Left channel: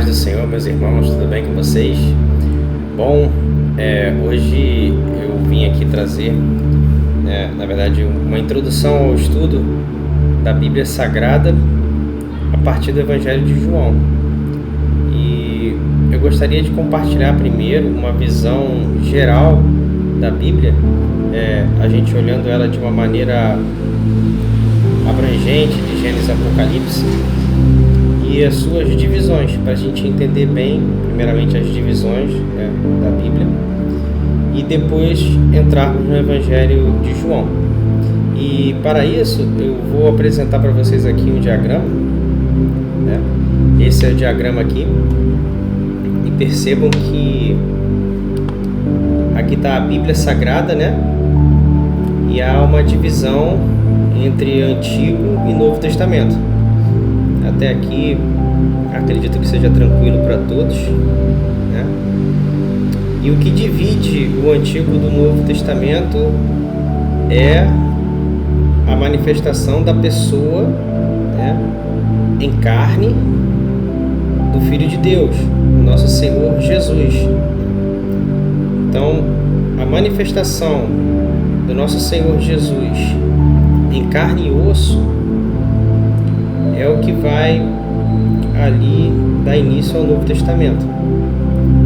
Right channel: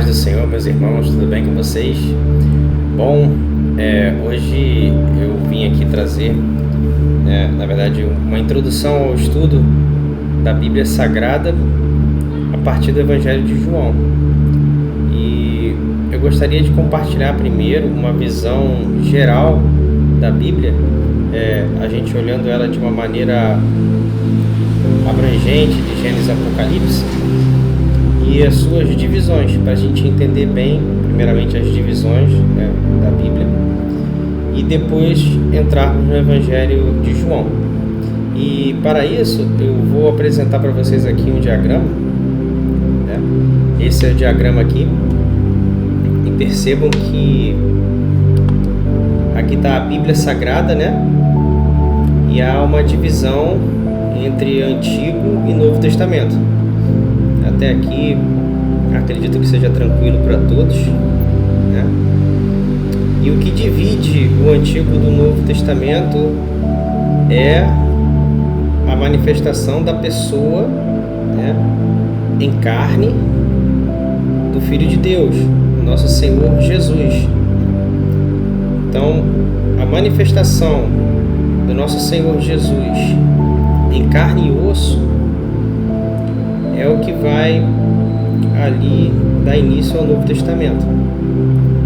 paz do Senhor, meus irmãos, tudo bem com vocês? Bom, hoje eu vim aqui trazer, na verdade, uma introdução ao estudo da Bíblia Sagrada a partir do Evangelho de João. E eu gostaria de compartilhar primeiro uma visão geral da Bíblia, a gente olhando ela de uma maneira abrangente, de Gênesis a Apocalipse, e as suas divisões, para a gente entender bem, primeiramente, as divisões da Bíblia, e depois entrarmos no Evangelho de João. E para isso, eu vou apresentar para vocês aqui um diagrama. Esse é o diagrama aqui, e percebam que aqui está a Bíblia Sagrada, e há uma divisão entre Antigo e Novo Testamento. Até aqui, acredito que seja tranquilo para todos, E o que divide o Antigo do Novo Testamento é a manifestação da pessoa, em carne, do Filho de Deus, o nosso Senhor Jesus. Então, a manifestação do nosso Senhor Jesus em carne e osso é o que vai ali dar início ao Novo Testamento.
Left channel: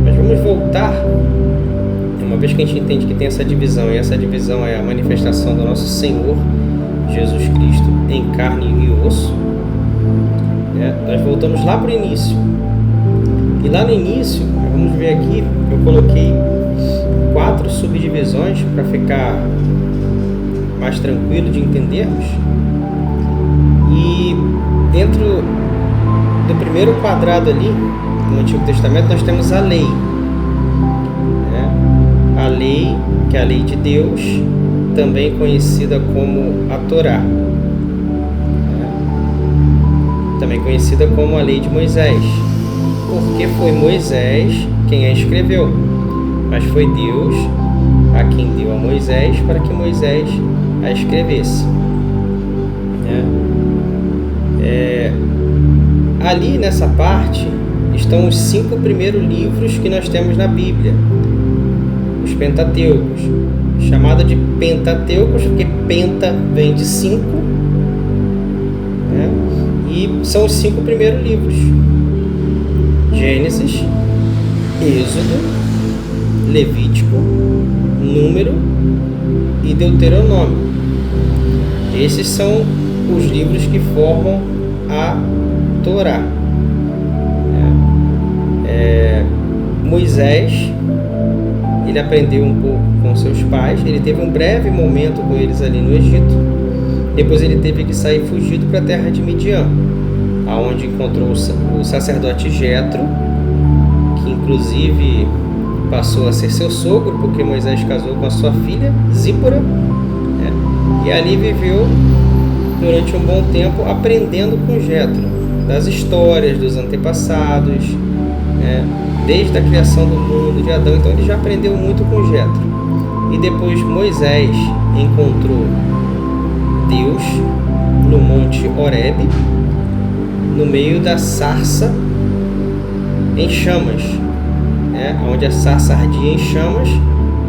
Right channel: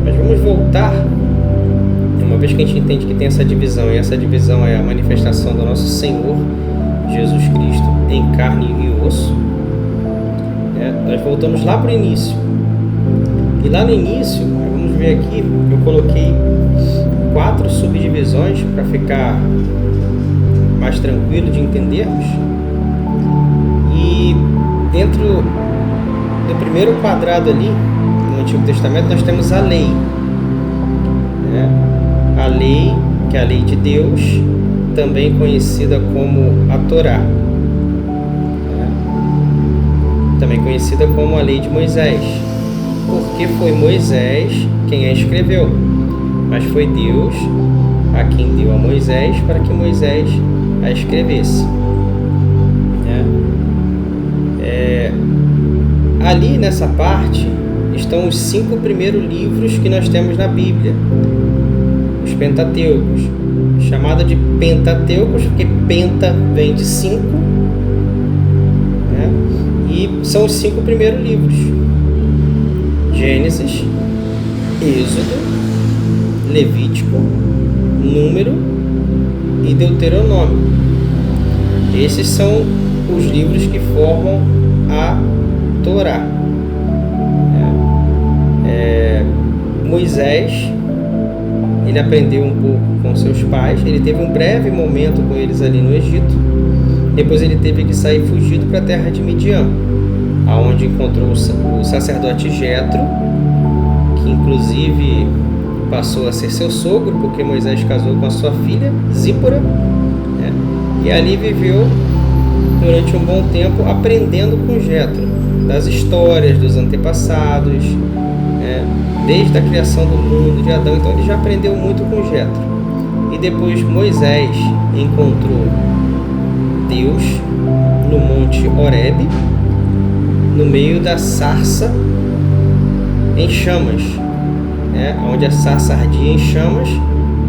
Mas vamos voltar, uma vez que a gente entende que tem essa divisão, e essa divisão é a manifestação do nosso Senhor Jesus Cristo em carne e osso, nós voltamos lá para o início. E lá no início, vamos ver aqui, eu coloquei 4 subdivisões para ficar mais tranquilo de entendermos. E dentro do primeiro quadrado ali, no Antigo Testamento, nós temos a lei. A lei, que é a lei de Deus, também conhecida como a Torá. Também conhecida como a lei de Moisés. Porque foi Moisés quem a escreveu, mas foi Deus a quem deu a Moisés para que Moisés a escrevesse. Ali nessa parte estão os 5 primeiros livros que nós temos na Bíblia, os Pentateucos, chamado de Pentateucos porque penta vem de 5, e são os 5 primeiros livros: Gênesis, Êxodo, Levítico, Número e Deuteronômio. Esses são os livros que formam a Torá. Moisés, ele aprendeu um pouco com seus pais, ele teve um breve momento com eles ali no Egito, depois ele teve que sair fugido para a terra de Midian, aonde encontrou o sacerdote Jetro, que inclusive passou a ser seu sogro, porque Moisés casou com a sua filha Zípora, e ali viveu durante um bom tempo aprendendo com Jetro das histórias dos antepassados, desde a criação do mundo de Adão. Então ele já aprendeu muito com Jetro. E depois Moisés encontrou Deus no Monte Horebe, no meio da sarça em chamas, onde a sarça ardia em chamas,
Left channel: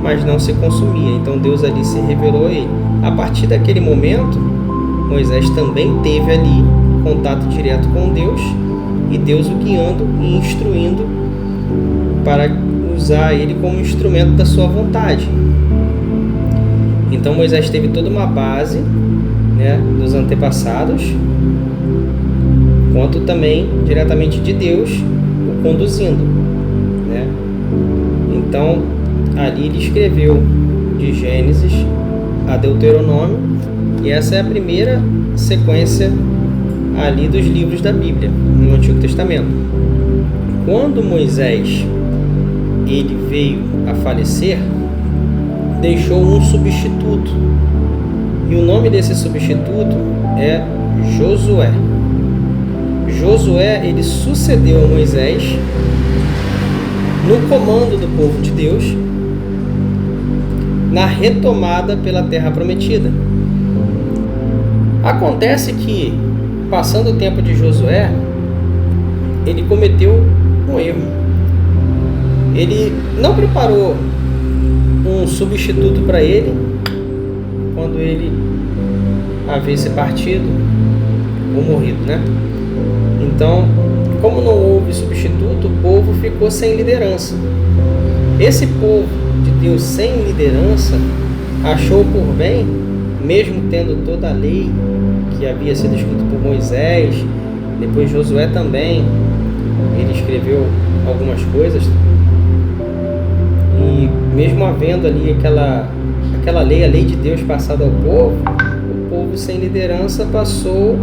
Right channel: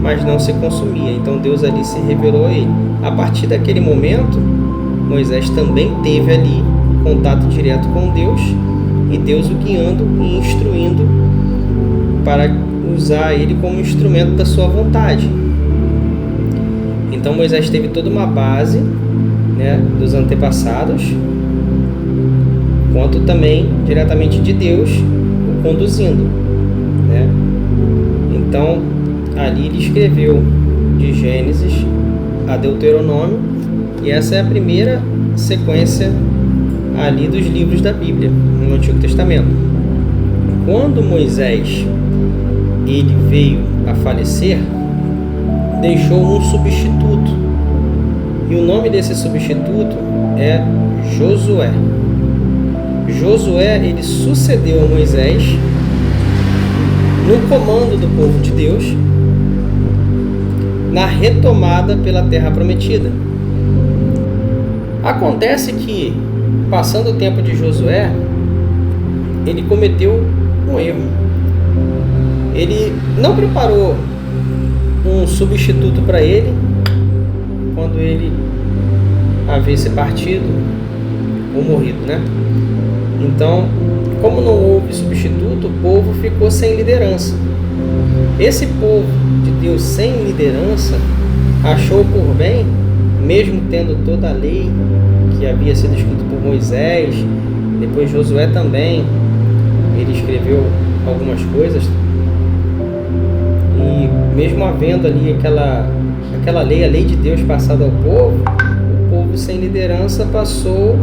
mas não se consumia. Então Deus ali se revelou a ele. A partir daquele momento, Moisés também teve ali contato direto com Deus, e Deus o guiando e instruindo para usar ele como instrumento da sua vontade. Então Moisés teve toda uma base, dos antepassados, quanto também diretamente de Deus o conduzindo, Então ali ele escreveu de Gênesis a Deuteronômio, e essa é a primeira sequência ali dos livros da Bíblia no Antigo Testamento. Quando Moisés ele veio a falecer, deixou um substituto, e o nome desse substituto é Josué. Josué, ele sucedeu a Moisés no comando do povo de Deus na retomada pela Terra Prometida. Acontece que, passando o tempo de Josué, ele cometeu um erro. Ele não preparou um substituto para ele quando ele havia se partido ou morrido, né? Então, como não houve substituto, o povo ficou sem liderança. Esse povo de Deus sem liderança achou por bem, mesmo tendo toda a lei que havia sido escrita por Moisés, depois Josué também, ele escreveu algumas coisas, e mesmo havendo ali aquela lei, a lei de Deus passada ao povo, o povo sem liderança passou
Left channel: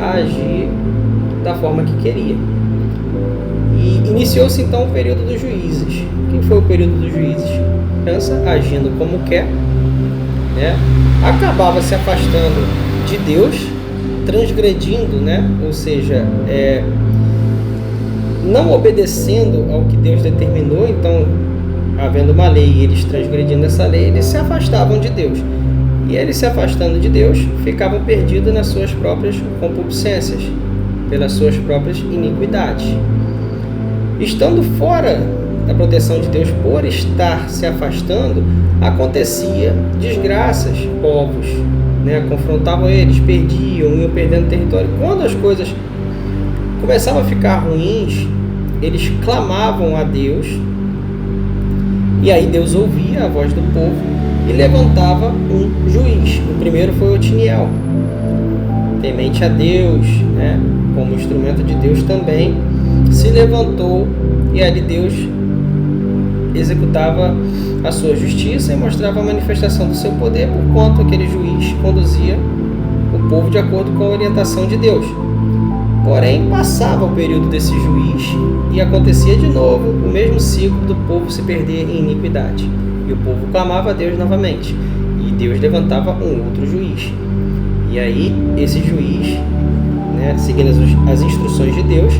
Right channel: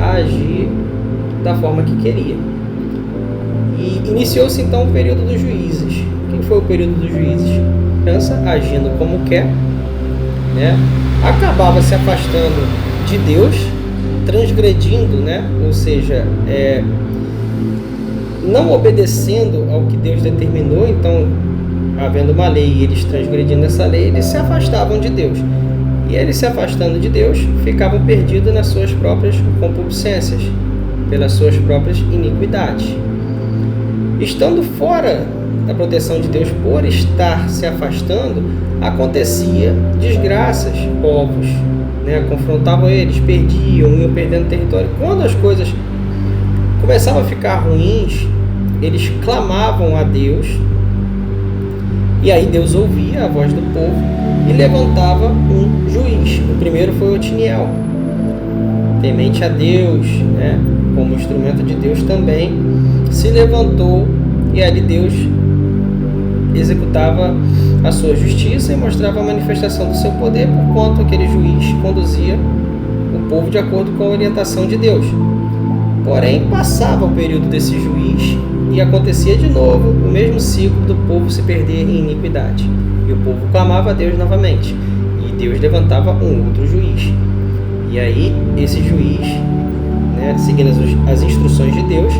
a agir da forma que queria. E iniciou-se então o período dos juízes. O que foi o período dos juízes? Pensa, agindo como quer, né? Acabava se afastando de Deus, transgredindo, né? Ou seja, não obedecendo ao que Deus determinou. Então, havendo uma lei e eles transgredindo essa lei, eles se afastavam de Deus. E eles se afastando de Deus, ficavam perdidos nas suas próprias concupiscências, pelas suas próprias iniquidades. Estando fora da proteção de Deus, por estar se afastando, acontecia desgraças, povos, né, confrontavam eles, perdiam, iam perdendo território. Quando as coisas começavam a ficar ruins, eles clamavam a Deus, e aí Deus ouvia a voz do povo e levantava um juiz. O primeiro foi Otiniel, temente a Deus, né, como instrumento de Deus também, se levantou, e ali Deus executava a sua justiça e mostrava a manifestação do seu poder, por quanto aquele juiz conduzia o povo de acordo com a orientação de Deus. Porém, passava o período desse juiz e acontecia de novo o mesmo ciclo do povo se perder em iniquidade. E o povo clamava a Deus novamente, e Deus levantava um outro juiz. E aí, esse juiz, né, seguindo as instruções de Deus,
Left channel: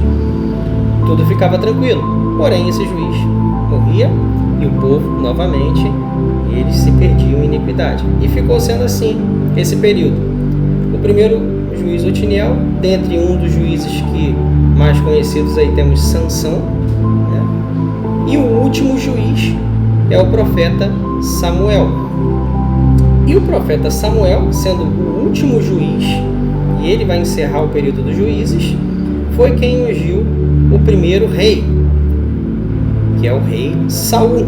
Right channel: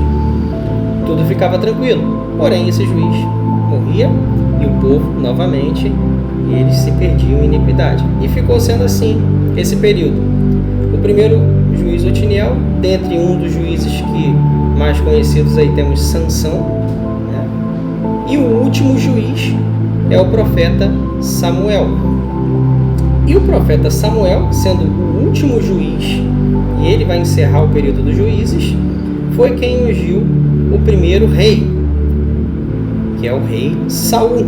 tudo ficava tranquilo. Porém, esse juiz morria e o povo, novamente, eles se perdiam em iniquidade. E ficou sendo assim esse período. O primeiro juiz, Otiniel, dentre um dos juízes que mais conhecidos aí temos Sansão, né? E o último juiz é o profeta Samuel. E o profeta Samuel, sendo o último juiz, e ele vai encerrar o período dos juízes, foi quem ungiu o primeiro rei, que é o rei Saul,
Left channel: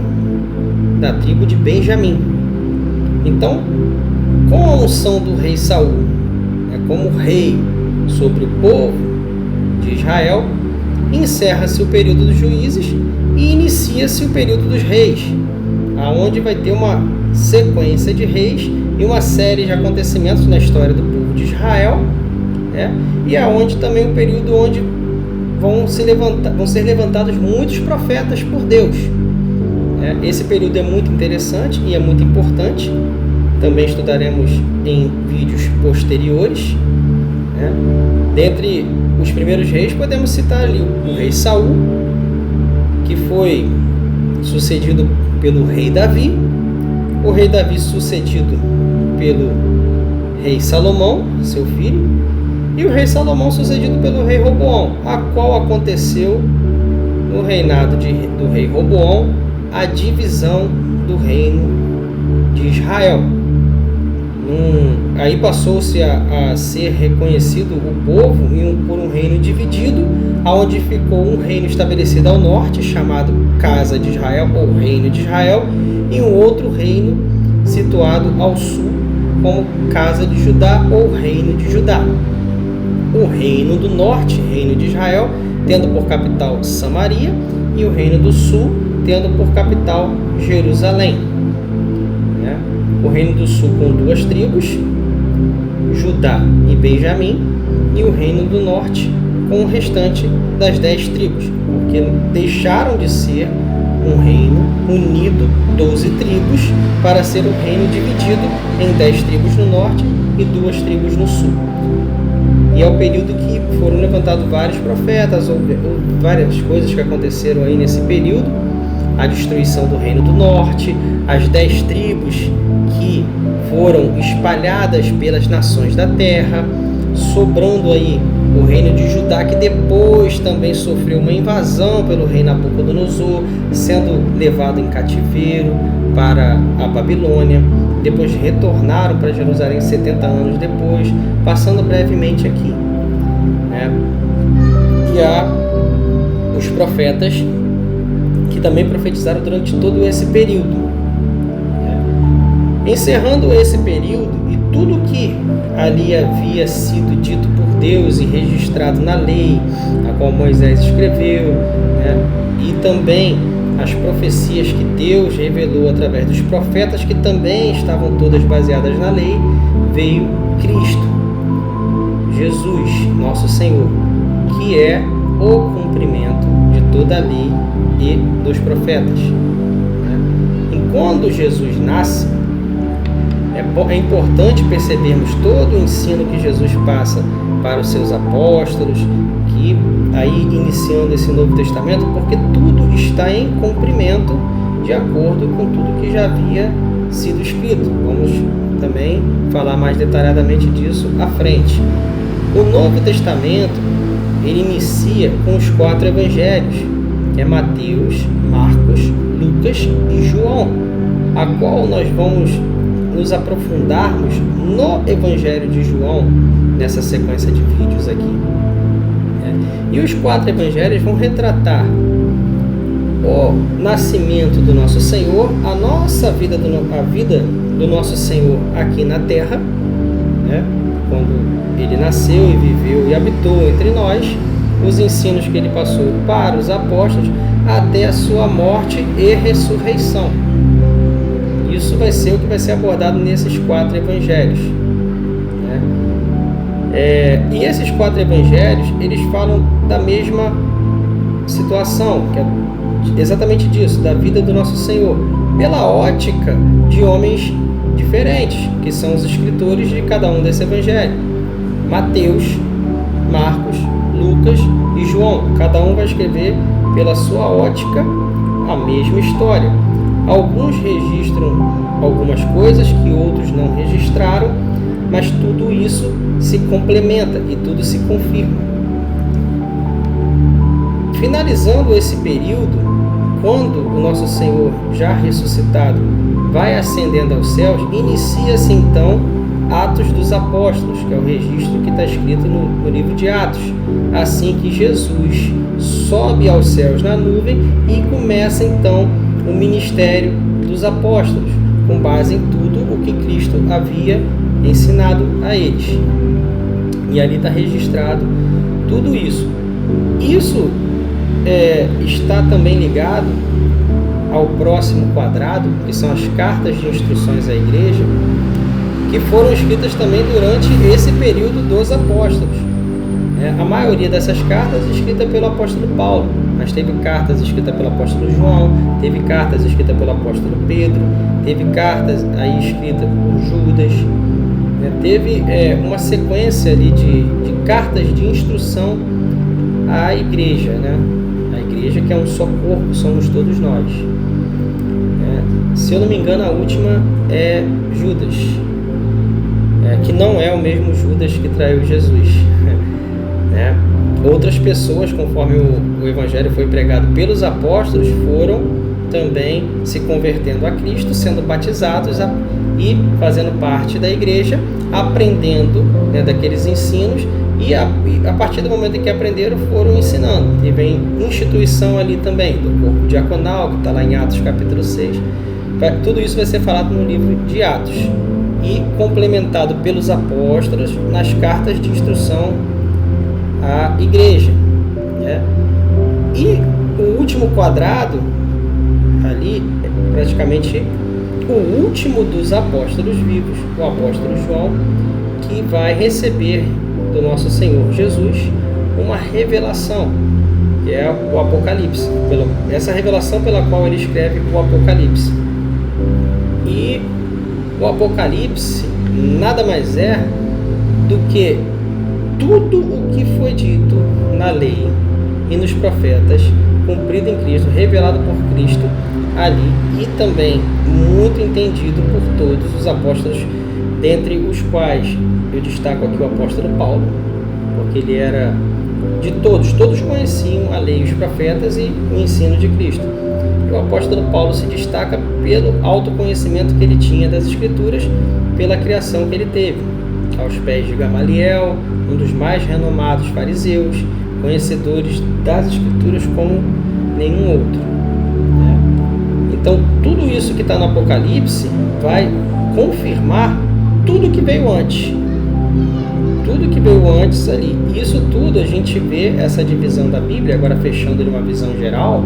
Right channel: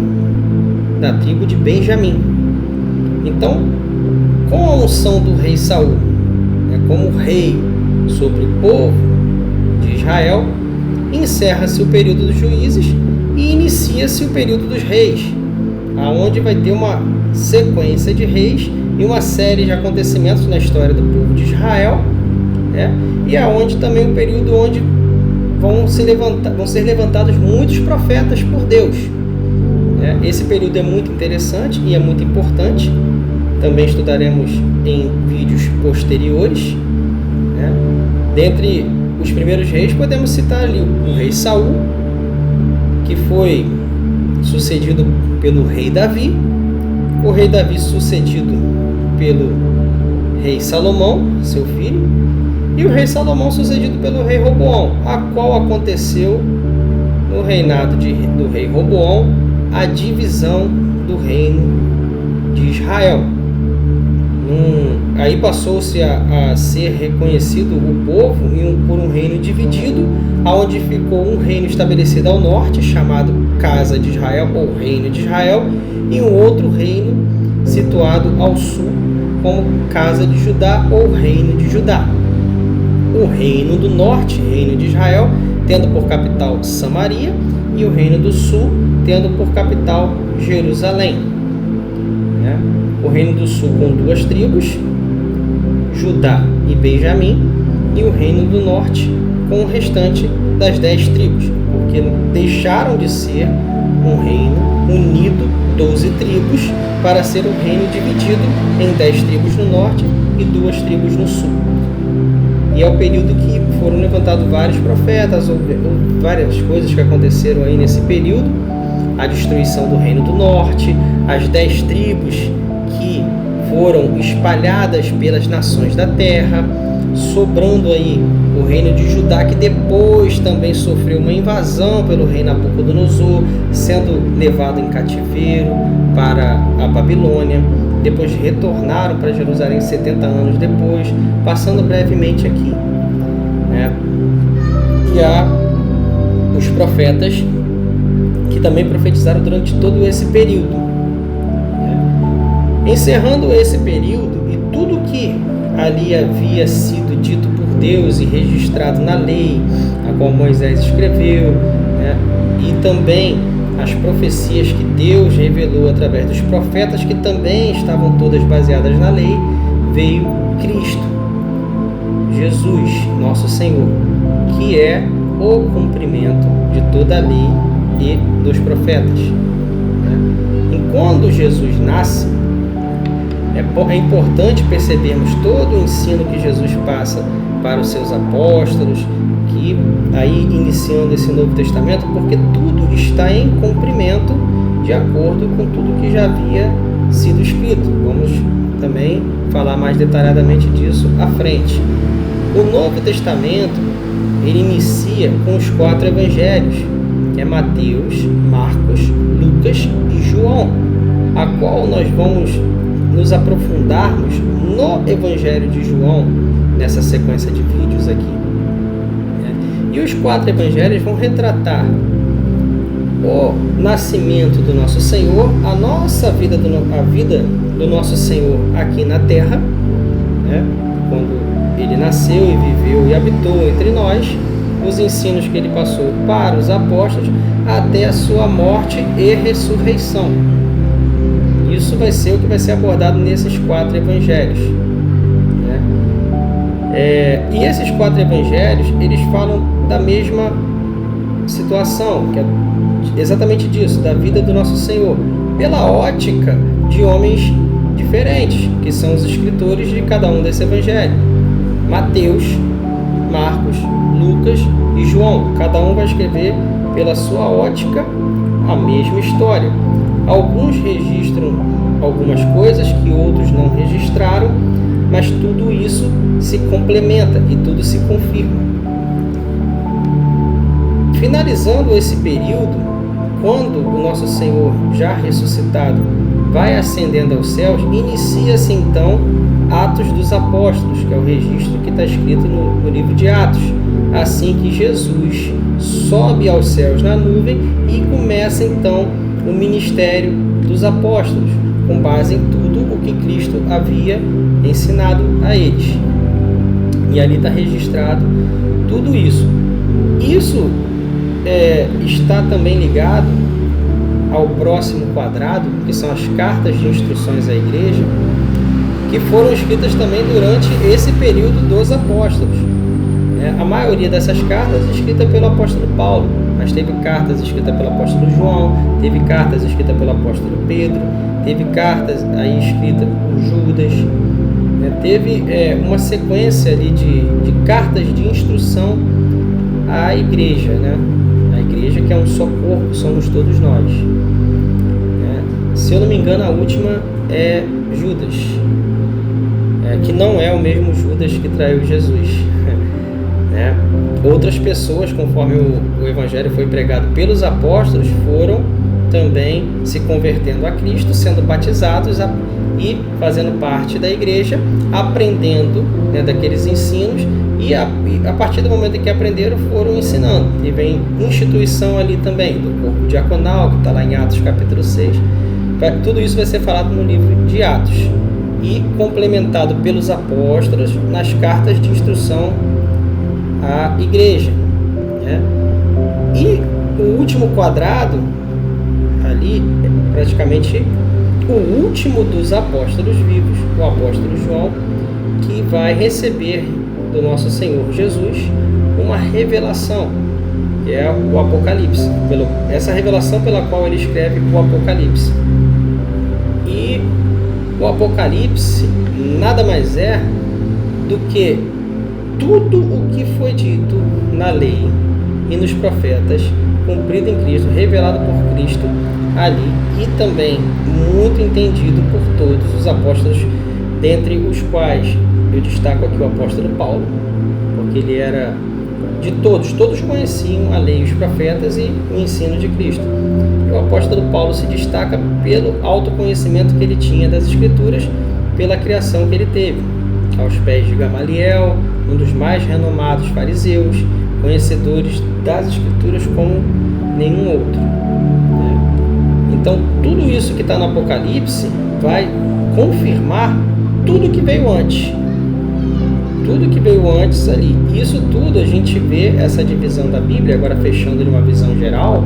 da tribo de Benjamim. Então, com a unção do rei Saul, como rei sobre o povo de Israel, encerra-se o período dos juízes e inicia-se o período dos reis, aonde vai ter uma sequência de reis e uma série de acontecimentos na história do povo de Israel, né? E aonde também um período onde vão ser levantados muitos profetas por Deus. Esse período é muito interessante e é muito importante. Também estudaremos em vídeos posteriores, né? Dentre os primeiros reis, podemos citar ali o rei Saul, que foi sucedido pelo rei Davi, o rei Davi sucedido pelo rei Salomão, seu filho, e o rei Salomão sucedido pelo rei Roboão, a qual aconteceu no reinado do rei Roboão a divisão do reino de Israel. Aí passou-se a ser reconhecido o povo por um reino dividido, onde ficou um reino estabelecido ao norte, chamado Casa de Israel, ou Reino de Israel, e um outro reino situado ao sul, como Casa de Judá, ou Reino de Judá. O reino do norte, Reino de Israel, tendo por capital Samaria, e o reino do sul, tendo por capital Jerusalém. O reino do sul com 2 tribos, Judá e Benjamim, e o reino do norte com o restante das 10 tribos, porque deixaram de ser um reino unido, 12 tribos, para ser um reino dividido em 10 tribos no norte e 2 tribos no sul. E é o período que foram levantados vários profetas, ou várias coisas que aconteceram aí nesse período, a destruição do reino do norte, as 10 tribos que foram espalhadas pelas nações da terra, sobrando aí o reino de Judá, que depois também sofreu uma invasão pelo rei Nabucodonosor, sendo levado em cativeiro para a Babilônia. Depois retornaram para Jerusalém 70 anos depois, passando brevemente aqui, né? E há os profetas que também profetizaram durante todo esse período, né? Encerrando esse período e tudo que ali havia sido dito por Deus e registrado na lei, a qual Moisés escreveu, né? E também as profecias que Deus revelou através dos profetas, que também estavam todas baseadas na lei, veio Cristo, Jesus, nosso Senhor, que é o cumprimento de toda a lei e dos profetas, né? E quando Jesus nasce, é importante percebermos todo o ensino que Jesus passa para os seus apóstolos, que aí iniciando esse Novo Testamento, porque tudo está em cumprimento de acordo com tudo que já havia sido escrito. Vamos também falar mais detalhadamente disso à frente. O Novo Testamento, ele inicia com os 4 evangelhos, que é Mateus, Marcos, Lucas e João, a qual nós vamos nos aprofundarmos no Evangelho de João, nessa sequência de vídeos aqui, né? E os 4 evangelhos vão retratar o nascimento do nosso Senhor, a nossa vida, a vida do nosso Senhor aqui na terra, né? Quando ele nasceu e viveu e habitou entre nós, os ensinos que ele passou para os apóstolos, até a sua morte e ressurreição. Isso vai ser o que vai ser abordado nesses 4 evangelhos, né? E esses 4 evangelhos, eles falam da mesma situação, que é exatamente disso, da vida do nosso Senhor, pela ótica de homens diferentes, que são os escritores de cada um desse evangelho. Mateus, Marcos, Lucas e João, cada um vai escrever pela sua ótica a mesma história. Alguns registram algumas coisas que outros não registraram, mas tudo isso se complementa e tudo se confirma. Finalizando esse período, quando o nosso Senhor, já ressuscitado, vai ascendendo aos céus, inicia-se então Atos dos Apóstolos, que é o registro que está escrito no livro de Atos. Assim que Jesus sobe aos céus na nuvem e começa então o ministério dos apóstolos, com base em tudo o que Cristo havia ensinado a eles. E ali está registrado tudo isso. Isso está também ligado ao próximo quadrado, que são as cartas de instruções à igreja, que foram escritas também durante esse período dos apóstolos. A maioria dessas cartas escritas pelo apóstolo Paulo, mas teve cartas escritas pelo apóstolo João, teve cartas escritas pelo apóstolo Pedro, teve cartas aí escritas por Judas, né? Teve uma sequência ali de cartas de instrução à igreja, né? A igreja, que é um só corpo, somos todos nós. Se eu não me engano, a última é Judas, que não é o mesmo Judas que traiu Jesus. Outras pessoas, conforme o evangelho foi pregado pelos apóstolos, foram também se convertendo a Cristo, sendo batizados e fazendo parte da igreja, aprendendo, né, daqueles ensinos, e a partir do momento em que aprenderam, foram ensinando. E vem instituição ali também, do corpo diaconal, que está lá em Atos capítulo 6. Tudo isso vai ser falado no livro de Atos e complementado pelos apóstolos nas cartas de instrução à igreja, né? E o último quadrado ali é praticamente o último dos apóstolos vivos, o apóstolo João, que vai receber do nosso Senhor Jesus uma revelação, que é o Apocalipse, essa revelação pela qual ele escreve o Apocalipse. E o Apocalipse nada mais é do que tudo o que foi dito na lei e nos profetas, cumprido em Cristo, revelado por Cristo ali, e também muito entendido por todos os apóstolos, dentre os quais eu destaco aqui o apóstolo Paulo, porque ele era de todos conheciam a lei, os profetas e o ensino de Cristo. E o apóstolo Paulo se destaca pelo autoconhecimento que ele tinha das Escrituras, pela criação que ele teve, aos pés de Gamaliel, um dos mais renomados fariseus, conhecedores das Escrituras como nenhum outro, né? Então, tudo isso que está no Apocalipse vai confirmar tudo que veio antes. Tudo que veio antes ali. Isso tudo a gente vê essa divisão da Bíblia, agora fechando de uma visão geral,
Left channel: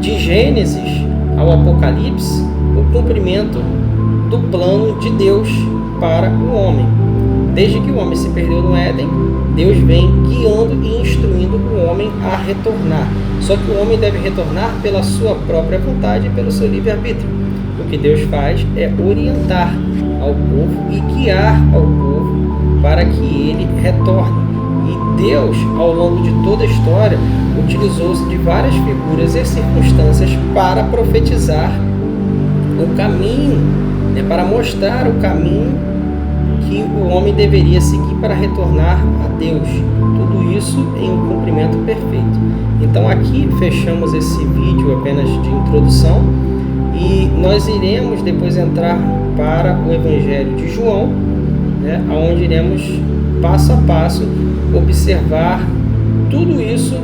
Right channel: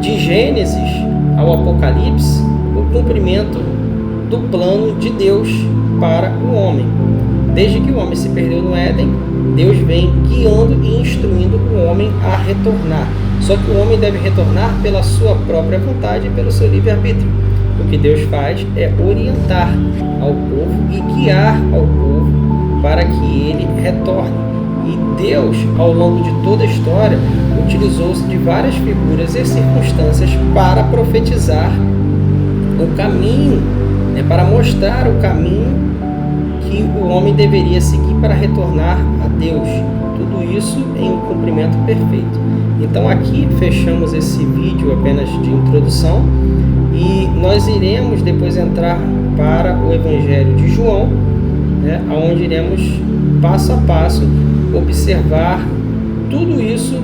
de Gênesis ao Apocalipse, o cumprimento do plano de Deus para o homem. Desde que o homem se perdeu no Éden, Deus vem guiando e instruindo o homem a retornar. Só que o homem deve retornar pela sua própria vontade e pelo seu livre-arbítrio. O que Deus faz é orientar ao povo e guiar ao povo para que ele retorne. E Deus, ao longo de toda a história, utilizou-se de várias figuras e circunstâncias para profetizar o caminho, né, para mostrar o caminho que o homem deveria seguir para retornar a Deus. Tudo isso em um cumprimento perfeito. Então aqui fechamos esse vídeo apenas de introdução e nós iremos depois entrar para o Evangelho de João, né, onde iremos passo a passo observar tudo isso,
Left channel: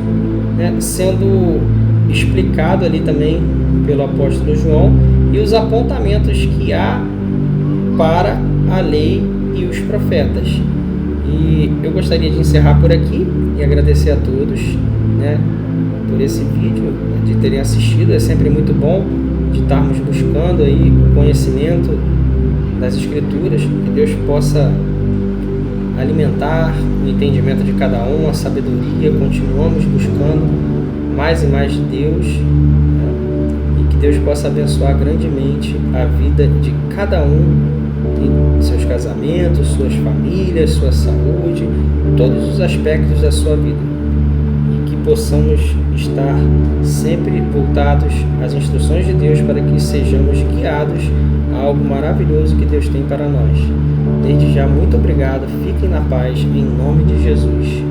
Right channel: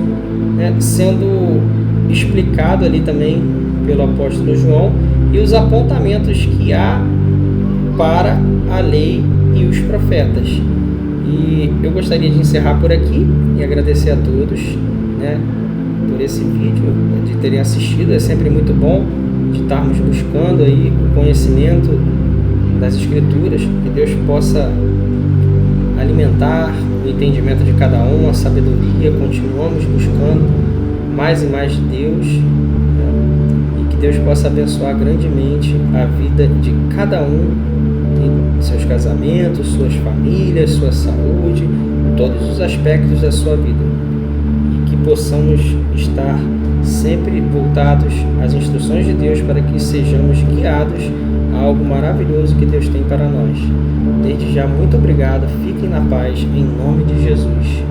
né, sendo explicado ali também pelo apóstolo João e os apontamentos que há para a lei e os profetas. E eu gostaria de encerrar por aqui e agradecer a todos, né, por esse vídeo, de terem assistido. É sempre muito bom de estarmos buscando aí o conhecimento das Escrituras, que Deus possa alimentar o entendimento de cada um, a sabedoria. Continuamos buscando mais e mais de Deus, né, e que Deus possa abençoar grandemente a vida de cada um, seus casamentos, suas famílias, sua saúde, todos os aspectos da sua vida, e que possamos estar sempre voltados às instruções de Deus para que sejamos guiados a algo maravilhoso que Deus tem para nós. Desde já, muito obrigado, fiquem na paz, em nome de Jesus.